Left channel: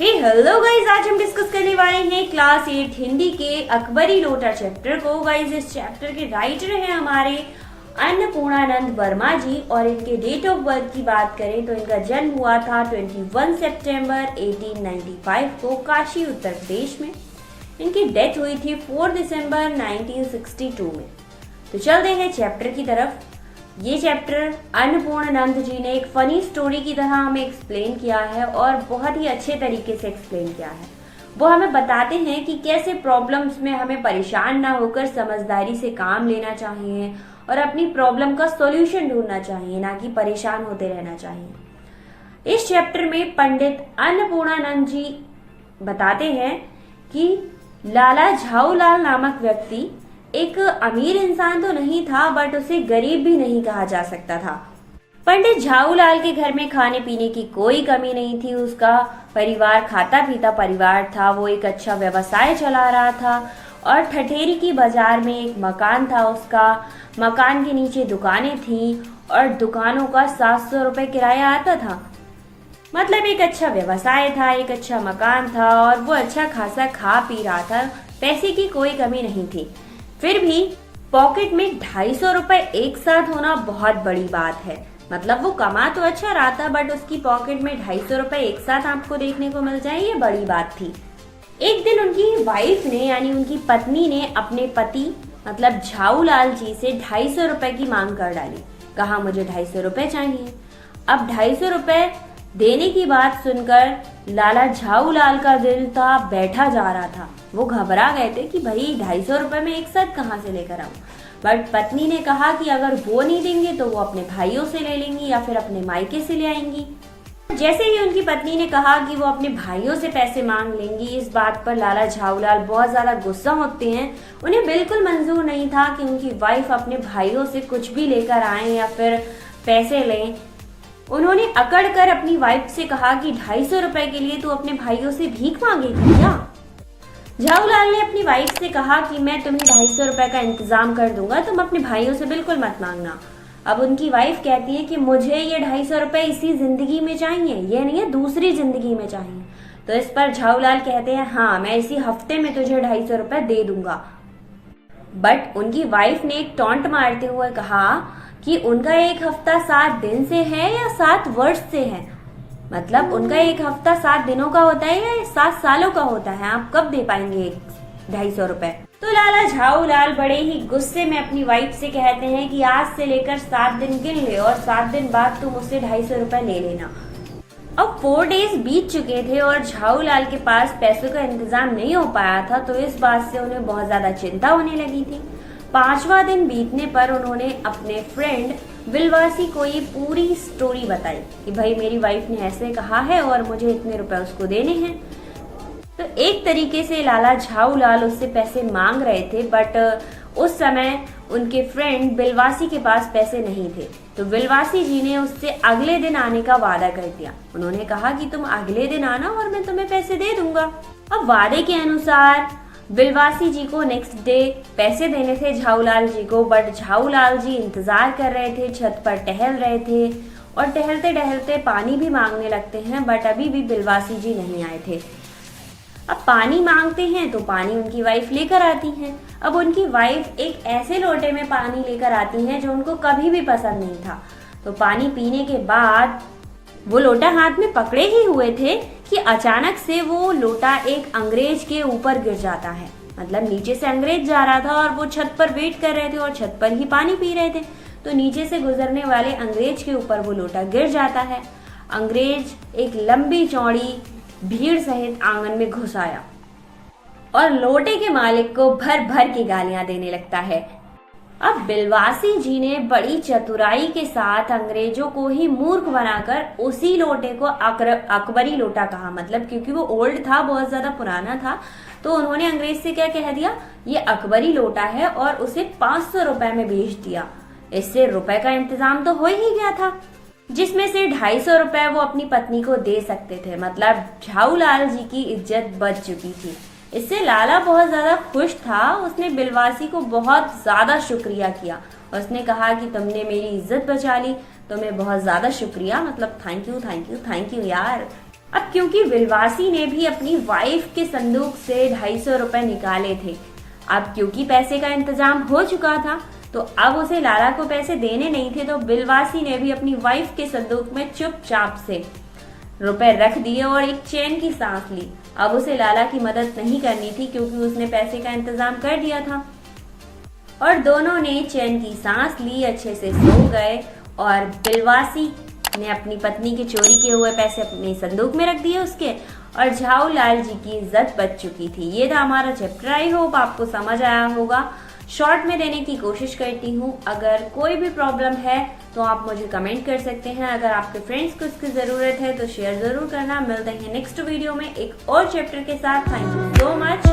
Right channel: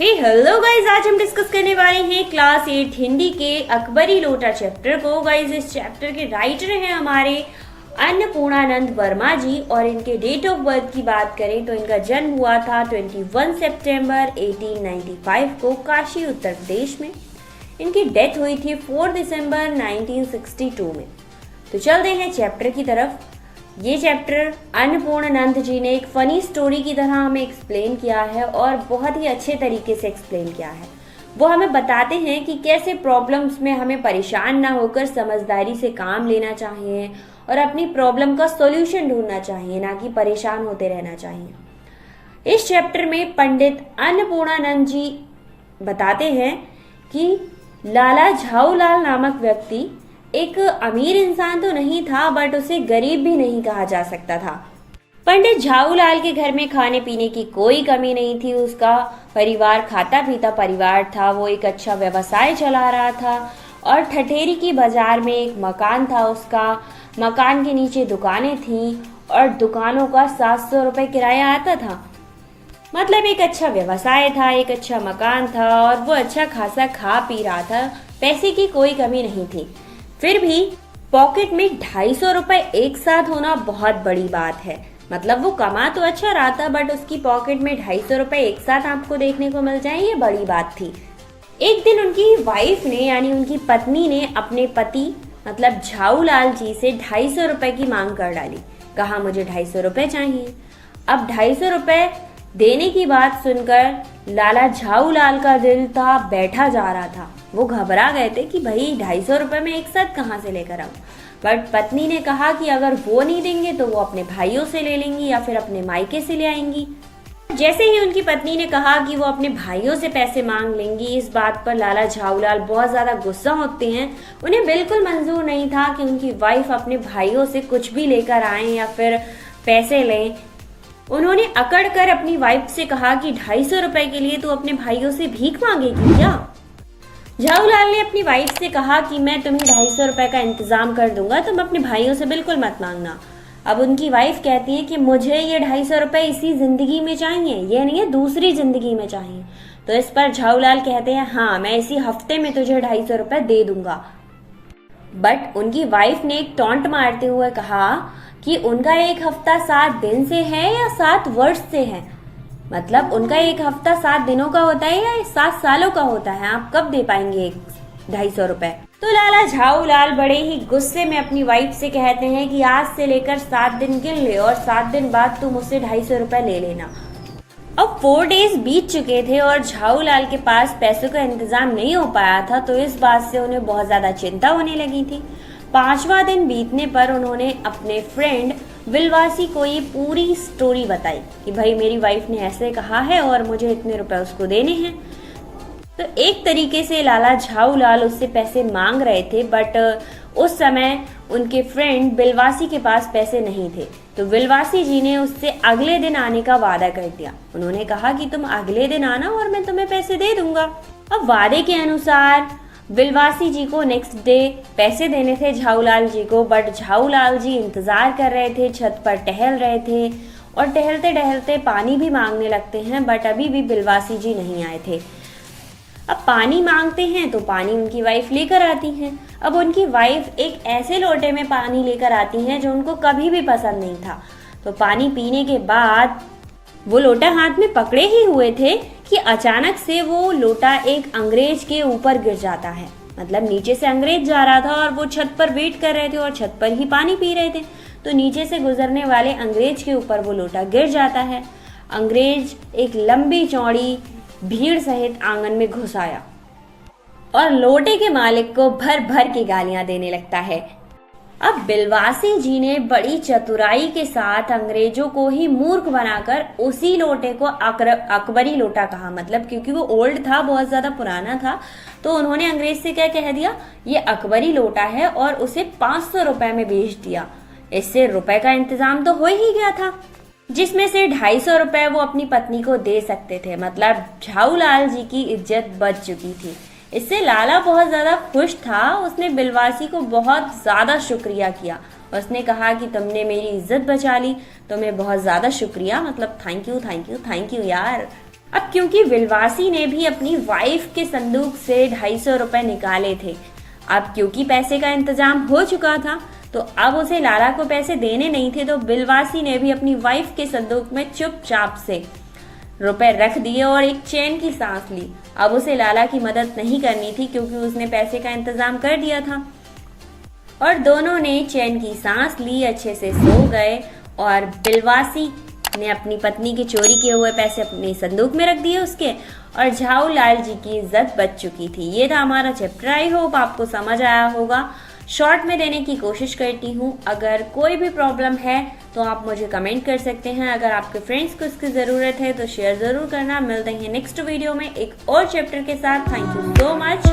Hello guys, आज हम discuss करने वाले हैं क्लास 8 हिंदी के अकबरी लोटा चैप्टर को। गाइज, इस चैप्टर के राइटर हैं हमारे अन्नपूर्णानंद वर्मा जी और इनके डेट ऑफ बर्थ की बात करें तो इनका जन्म हुआ था 21 सितंबर 1895 को काशी उत्तर प्रदेश में। इनकी डेथ हुई थी 4 दिसंबर 1962 में। तो चलते हैं चैप्टर की तरफ। ये चैप्टर अन्नपूर्णानंद जी ने एक फनी स्टोरी की तरह हमें एक्सप्लेन किया है और बहुत ही अच्छे तरीके से एक्सप्लेन किया है। वो हमें बताते हैं कि कैसे प्रॉब्लम्स में हमें परेशान ना होकर समझदारी से काम लेना चाहिए और अपनी प्रॉब्लम का सॉल्यूशन ढूंढना चाहिए, ना कि परेशान होते रहना चाहिए। इस चैप्टर में पंडित अन्नपूर्णानंद जी बताते हैं कि लाला झाऊलाल नामक व्यक्ति एक अमीर इंसान तो नहीं था, बट उसे गरीब भी नहीं कहा जा सकता था। पंडित झाऊलाल के घर में खाने पीने की कोई कमी नहीं थी। उसका परिवार खाता पीता परिवार था। वो एक अच्छा व्यवसाय चला रहा था और ठठेरी की बाजार में एक मकान था उसका। मकान के नीचे दुकानें थीं और दुकानों का 700 रुपए किराया आता था। मतलब एक अच्छा व्यवसाय था, एक अच्छा मकान था और वो अच्छा खासा खा पी रहा था। पैसे की कोई कमी नहीं थी। फिर भी पॉकेट में 250 रुपए एक साथ होना बहुत बड़ी बात है। मतलब वो कमा तो अच्छा रहा था, बट उसकी पॉकेट में 250 रुपए एक साथ आपको देखने को मिल जाए, ये बड़ी बात थी। एक दिन उनकी वाइफ ने यानी उनकी पत्नी ने अपने पति मतलब झाऊलाल जी से 250 रुपए की मांग कर डाली। कहा मुझे 250 रुपए चाहिए। अब 250 रुपए देने की बात सुनकर लाला झाऊलाल का दिल था बैठा जा रहा था। वो घबरा गए थे कि भाई 250 रुपए में एक साथ कहाँ से लेकर आऊं। बट पत्नी ने कहा कि अगर वो नहीं देंगे तो वो अपने भाइयों से ले लेंगी या फिर अपने मायके से ले आएंगी। जैसे ही उनकी पत्नी ने कहा कि वो अपने भाइयों से पैसे मांग लेंगी, इस बात पर लाला झाऊलाल बहुत ज्यादा गुस्सा होते हैं। उन्हें बिल्कुल मंजूर नहीं था कि उनकी वाइफ अपने भाइयों से कुछ भी लेकर आए या फिर पैसे लें। उन्होंने अकड़ कर अपनी वाइफ से कहा कि 250 रुपए के लिए तू अपने भाइयों से भीख मांगेगी क्या? झाऊलाल ने अपनी वाइफ से कहा कि मैं तुम्हें 250 रुपए का इंतजाम कर दूंगा, तुम अपने भाइयों से बिल्कुल मत मांगना। अब उनकी वाइफ कहती है कि मुझे ये 250 रुपए इसी जिंदगी में चाहिए, ये नहीं है दूसरी जिंदगी में चाहिए। तो इस पर झाऊलाल कहते हैं हाँ, मैं इसी हफ्ते में तुझे 250 रुपए दे दूंगा। बट उनकी वाइफ ने एक टॉन्ट मारते हुए कहा कि उनका एक हफ्ता 7 दिन से है या 7 वर्ष से है। मतलब उनका एक हफ्ता 7 दिनों का होता है या 7 सालों का होता है, आप कब दे पाएंगे 250 रुपए? तो लाला झाऊलाल बड़े ही गुस्से में अपनी वाइफ से कहते हैं कि आज से लेकर 7 दिन गिन ले और 7 दिन बाद तुम उससे 250 रुपए ले लेना। अब 4 डेज बीत चुके थे और झाऊलाल के पास पैसों का इंतजाम नहीं हो पाया था, तो इस बात से उन्हें बहुत ज्यादा चिंता होने लगी थी। 5वां दिन बीतने पर उन्होंने अपने फ्रेंड विलवासी को ये पूरी स्टोरी बताई कि भाई मेरी वाइफ ने ऐसे कहा है और मुझे इतने रुपए उसको देने हैं। तो एक तरीके से लाला झाऊलाल उससे पैसे मांग रहे थे, बट उस समय उनके फ्रेंड बिलवासी के पास पैसे नहीं थे। तो बिलवासी जी ने उससे अगले दिन आने का वादा कर दिया। उन्होंने कहा कि तुम अगले दिन आना और मैं तुम्हें पैसे दे दूंगा। अब वादे के अनुसार बिलवासी जी को नेक्स्ट डे पैसे देने थे झाऊलाल जी को, बट झाऊलाल जी इंतजार कर रहे थे, छत पर टहल रहे थे और टहलते टहलते पानी भी मांगने लगते हैं, बट अभी भी बिलवासी जी नहीं आए थे। अब पानी मांगते हैं तो पानी उनकी वाइफ लेकर आती हैं। अब उनकी वाइफ एक ऐसे लोटे में पानी लेकर आती हैं जो उनको कभी भी पसंद नहीं था। तो पानी पीने के बाद वो लोटा हाथ में पकड़े ही हुए थे कि अचानक से वो लोटा एक अंग्रेज के ऊपर गिर जाता है। मतलब नीचे से अंग्रेज जा रहा था और वो छत पर वेट कर रहे थे और छत पर ही पानी पी रहे थे। तो नीचे से गुजरने वाले अंग्रेज के ऊपर वो लोटा गिर जाता है। अंग्रेज एक लंबी चौड़ी भीड़ सहित आंगन में घुस आया और लोटे के मालिक को भर भर के गालियां देने लगता है। अब बिलवासी जी ने बड़ी चतुराई के साथ अंग्रेजों को ही मूर्ख बनाकर उसी लोटे को अकबरी लोटा कहा। मतलब क्योंकि वो ओल्ड था, बहुत ज्यादा पुराना था, तो उन्होंने अंग्रेज से क्या कह दिया, ये अकबरी लोटा है और उसे 500 रुपए में बेच दिया। इससे रुपए का इंतजाम तो हो ही गया था, जिसमें से 250 रुपए वो अपनी पत्नी को दे सकते थे। मतलब झाऊलाल जी की इज्जत बच चुकी थी। इससे लाला बहुत ज्यादा खुश था। उसने बिलवासी को बहुत ज्यादा शुक्रिया किया। उसने कहा कि तुमने मेरी इज्जत बचा ली, तुम्हें बहुत ज्यादा शुक्रिया, मतलब thank you thank you thank you यार। अब क्योंकि विलवासी ने भी अपनी वाइफ के संदूक से 250 रुपए निकाले थे, अब क्योंकि पैसे का इंतजाम हो चुका था तो अब उसे लाला को पैसे देने नहीं थे, तो विलवासी ने भी अपनी वाइफ के संदूक में चुपचाप से रुपए रख दिए और एक चैन की सांस ली। अब उसे लाला की मदद नहीं करनी थी क्योंकि उसने पैसे का इंतजाम कर दिया था। और दोनों ने चैन की सांस ली, अच्छे से सो गए और विलवासी ने अपनी पत्नी के चोरी किए हुए पैसे अपने संदूक में रख दिए उसके, और झाऊ लाल जी की इज्जत बच चुकी थी। ये था हमारा चैप्टर। आई होप आपको समझ आया होगा। शॉर्ट में देने की कोशिश करती हूँ। अगर कोई भी प्रॉब्लम है तो आप मुझे कमेंट कर सकते हैं। अगर आपके फ्रेंड्स को इसकी ज़रूरत है तो शेयर ज़रूर करना। मिलते हैं नेक्स्ट वीडियो में एक और चैप्टर के साथ। Thank you so much.